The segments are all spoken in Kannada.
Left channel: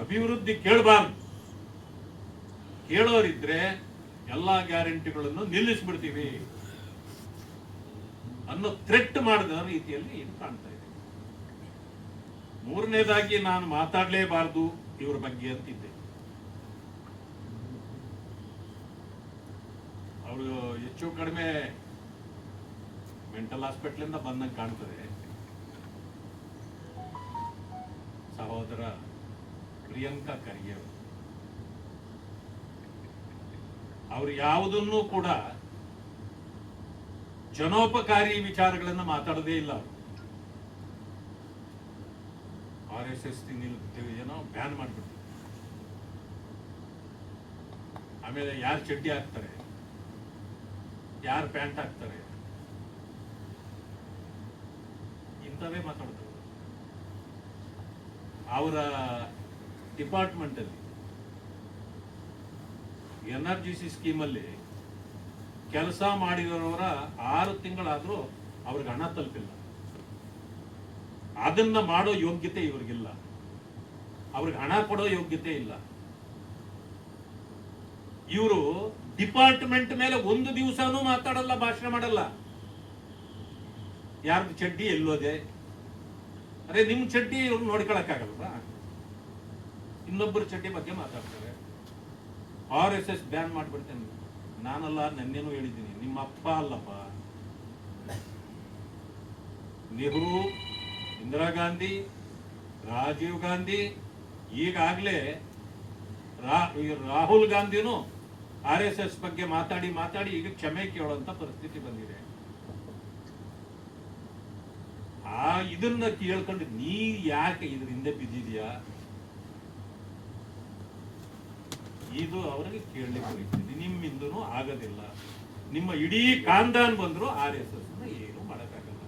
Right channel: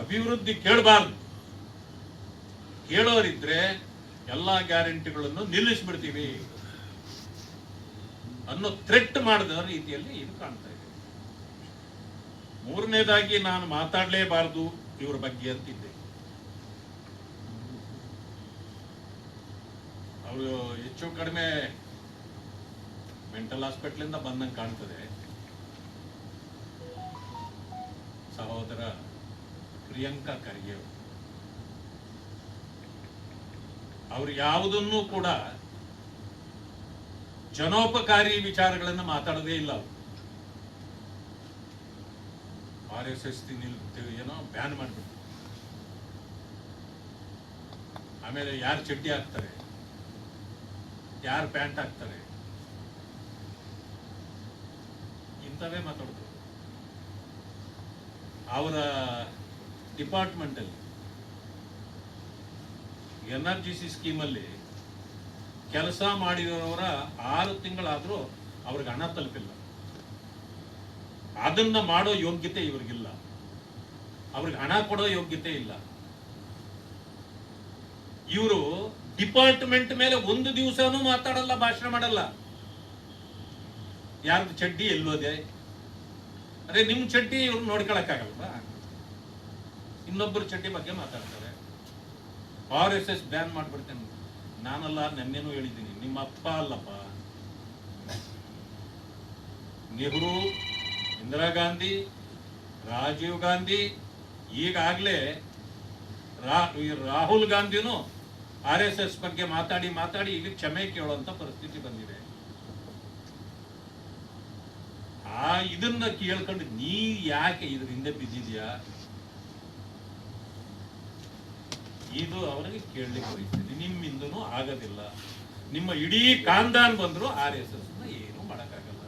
ಅಭಿವೃದ್ಧಿ ಕೇಳಬಾರ್ದು. ಕೇಳೋರಿದ್ರೆ ಎಲ್ಲಾ ಗ್ಯಾರಂಟಿಗಳನ್ನು ನಿಲ್ಲಿಸ್ಬಿಡ್ತೀವಿ ಅನ್ನೋ ಥ್ರೆಟ್ ಮಾಡಿದ ರೀತಿಯಲ್ಲಿ ಇದು ಕಾಣ್ತಾ ಇದೆ. ಮೂರನೇದಾಗಿ ನಾನು ಮಾತಾಡಲೇಬಾರದು ಇವ್ರ ಬಗ್ಗೆ ಅಂತಿದ್ದೆ. ಅವರು ಹೆಚ್ಚು ಕಡಿಮೆ ಮೆಂಟಲ್ ಹಾಸ್ಪಿಟಲ್ ಬಂದಂಗೆ ಕಾಣ್ತದೆ. ಸಹೋದರ ಪ್ರಿಯಾಂಕಾ ಖರ್ಗೆ ಅವರು ಯಾವುದನ್ನು ಕೂಡ ಜನೋಪಕಾರಿ ವಿಚಾರಗಳನ್ನು ಮಾತಾಡೋದೇ ಇಲ್ಲ. RSS ಏನೋ ಬ್ಯಾನ್ ಮಾಡ್ಬಿಟ್ಟು ಆಮೇಲೆ ಯಾರು ಚಡ್ಡಿ ಹಾಕ್ತಾರೆ, ಯಾರು ಪ್ಯಾಂಟ್ ಹಾಕ್ತಾರೆ, ಇಂಥವೇ ಮಾತಾಡ್ತಾರೆ. ಅವರ ಡಿಪಾರ್ಟ್ಮೆಂಟ್ ಅಲ್ಲಿ NRGC ಸ್ಕೀಮಲ್ಲಿ ಕೆಲಸ ಮಾಡಿದವರ 6 ತಿಂಗಳಾದ್ರೂ ಅವ್ರಿಗೆ ಹಣ ತಲುಪಿಲ್ಲ. ಅದನ್ನ ಮಾಡೋ ಯೋಗ್ಯತೆ ಇವ್ರಿಗಿಲ್ಲ, ಅವ್ರಿಗೆ ಹಣ ಕೊಡೋ ಯೋಗ್ಯತೆ ಇಲ್ಲ. ಇವರು ಡಿಪಾರ್ಟ್ಮೆಂಟ್ ಮೇಲೆ ಒಂದು ದಿವಸನೂ ಮಾತಾಡಲ್ಲ, ಭಾಷಣ ಮಾಡಲ್ಲ. ಯಾರ್ದು ಚಡ್ಡಿ ಎಲ್ಲೋದೆ, ಅರೆ ನಿಮ್ ಚಡ್ಡಿ ಇವ್ರು ನೋಡ್ಕೊಳಕ್ಕಾಗಲ್ವಾ? ಇನ್ನೊಬ್ಬರು ಚಡ್ಡಿ ಬಗ್ಗೆ ಮಾತಾಡ್ತಾರೆ. RSS ಬ್ಯಾನ್ ಮಾಡ್ಬಿಡ್ತೇನೆ. ನಾನಲ್ಲ, ನೆನ್ನೆನೂ ಹೇಳಿದ್ದೀನಿ, ನಿಮ್ಮ ಅಪ್ಪ ಅಲ್ಲಪ್ಪ. ನೆಹರು, ಇಂದಿರಾ ಗಾಂಧಿ, ರಾಜೀವ್ ಗಾಂಧಿ, ಈಗಾಗಲೇ ರಾಹುಲ್ ಗಾಂಧಿನೂ RSS ಬಗ್ಗೆ ಮಾತಾಡಿ ಮಾತಾಡಿ ಈಗ ಕ್ಷಮೆ ಕೇಳುವಂತ ಪರಿಸ್ಥಿತಿ ಬಂದಿದೆ. ಇದನ್ನ ಕೇಳ್ಕೊಂಡು ನೀ ಯಾಕೆ ಇದ್ರ ಹಿಂದೆ ಬಿದ್ದಿದ್ಯಾ? ಇದು ಅವರಿಗೆ ಕೇಳಲಿಕ್ಕೆ ಬರೀತಿದೆ. ನಿಮ್ಮಿಂದನೂ ಆಗೋದಿಲ್ಲ. ನಿಮ್ಮ ಇಡೀ ಕಾಂದಾನ್ ಬಂದ್ರು RSS ಏನು ಮಾಡಕ್ಕಾಗಲ್ಲ.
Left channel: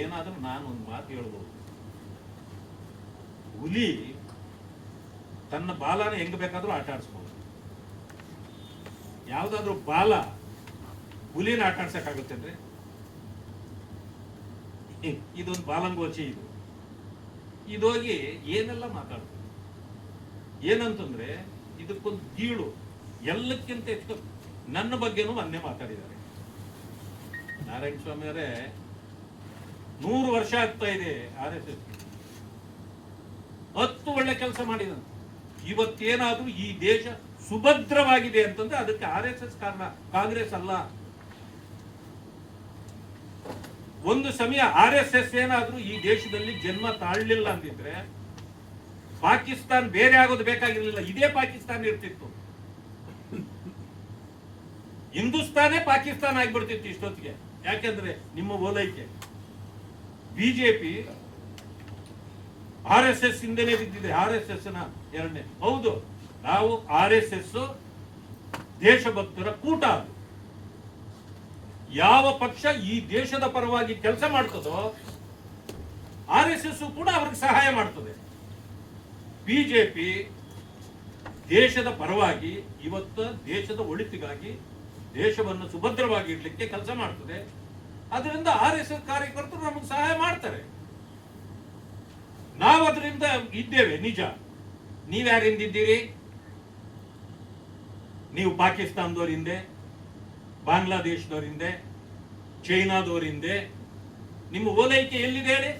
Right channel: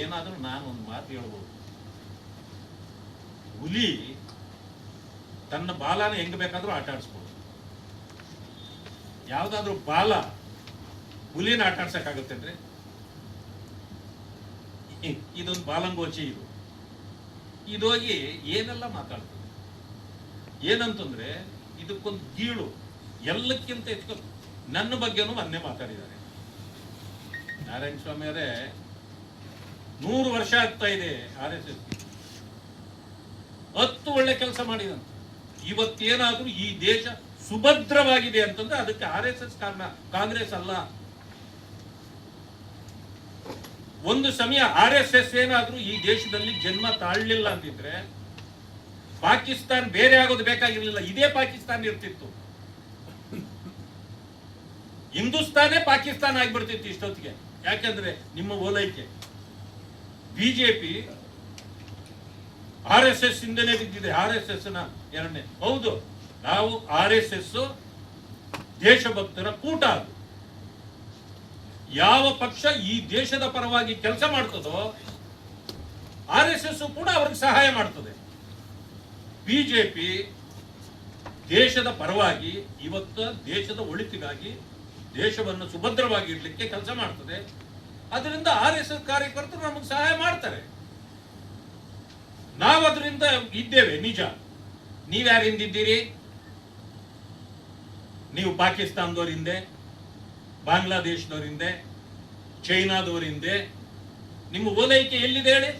ಏನಾದ್ರೂ ನಾನು ಒಂದು ಮಾತು ಹೇಳ್ಬೋದು, ಹುಲಿ ತನ್ನ ಬಾಲನ ಹೆಂಗ್ ಬೇಕಾದ್ರೂ ಆಟ ಆಡಿಸ್ಬೋದು. ಯಾವ್ದಾದ್ರು ಬಾಲ ಹುಲಿನ ಆಟ ಆಡ್ಸಕ್ಕಾಗುತ್ತೇನ್ರಿ? ಇದೊಂದು ಬಾಲಂಗೋಚಿ. ಇದೋಗಿ ಏನೆಲ್ಲ ಮಾತಾಡ್ತದೆ. ಏನಂತಂದ್ರೆ ಇದಕ್ಕೊಂದು ಗೀಳು, ಎಲ್ಲಕ್ಕಿಂತ ಹೆಚ್ಚು ನನ್ನ ಬಗ್ಗೆನೂ ಮೊನ್ನೆ ಮಾತಾಡಿದ್ದಾರೆ. ನಾರಾಯಣ ಸ್ವಾಮಿ ಅವರೇ, 100 ವರ್ಷ ಆಗ್ತಾ ಇದೆ RSS, 10 ಒಳ್ಳೆ ಕೆಲಸ ಮಾಡಿದಂತೆ. ಇವತ್ತೇನಾದ್ರೂ ಈ ದೇಶ ಸುಭದ್ರವಾಗಿದೆ ಅಂತಂದ್ರೆ ಅದಕ್ಕೆ RSS ಕಾರಣ, ಕಾಂಗ್ರೆಸ್ ಅಲ್ಲ. ಒಂದು ಸಮಯ RSS ಏನಾದ್ರೂ ಈ ದೇಶದಲ್ಲಿ ಜನ್ಮ ತಾಳಲಿಲ್ಲ ಅಂತಿದ್ರೆ ಪಾಕಿಸ್ತಾನ ಬೇರೆ ಆಗೋದು ಬೇಕಾಗಿರ್ಲಿಲ್ಲ, ಇದೇ ಪಾಕಿಸ್ತಾನ ಇರ್ತಿತ್ತು. ಹಿಂದೂಸ್ತಾನೇ ಪಾಕಿಸ್ತಾನ ಆಗ್ಬಿಡ್ತಿತ್ತು ಇಷ್ಟೊತ್ತಿಗೆ. ಯಾಕೆಂದ್ರೆ ನಿಮ್ಮ ಓಲೈಕೆ ಬಿಜೆಪಿ RSS ಇಂದಲೇ ಬಿದ್ದಿದೆ. RSS ನ ಎರಡನೇ, ಹೌದು, ನಾವು RSS ದೇಶಭಕ್ತರ ಕೂಟ. ಅದು ಯಾವ ಪಕ್ಷ ಈ ದೇಶದ ಪರವಾಗಿ ಕೆಲಸ ಮಾಡ್ತದೋ RSS ಕೂಡ ಅವ್ರಿಗೆ ಸಹಾಯ ಮಾಡ್ತದೆ. ಬಿಜೆಪಿ ದೇಶದ ಪರವಾಗಿ ಇವತ್ತು ದೇಶದ ಒಳಿತಿಗಾಗಿ ದೇಶವನ್ನು ಸುಭದ್ರವಾಗಿ ಇಡ್ಲಿಕ್ಕೆ ಕೆಲಸ ಮಾಡ್ತದೆ. ಅದರಿಂದ RSS ಕಾರ್ಯಕರ್ತರು ನಮಗೆ ಸಹಾಯ ಮಾಡ್ತಾರೆ. ನಾವು ಅದರಿಂದ ಇದ್ದೇವೆ, ನಿಜ. ನೀವ್ಯಾರಿಂದಿದ್ದೀರಿ? ನೀವು ಪಾಕಿಸ್ತಾನದವರಿಂದೆ, ಬಾಂಗ್ಲಾದೇಶದವರಿಂದೆ, ಚೈನಾದವರಿಂದೆ. ನಿಮ್ಮ ಓಲೈಕೆ ಎಲ್ಲಿದೆ ಹೇಳಿ?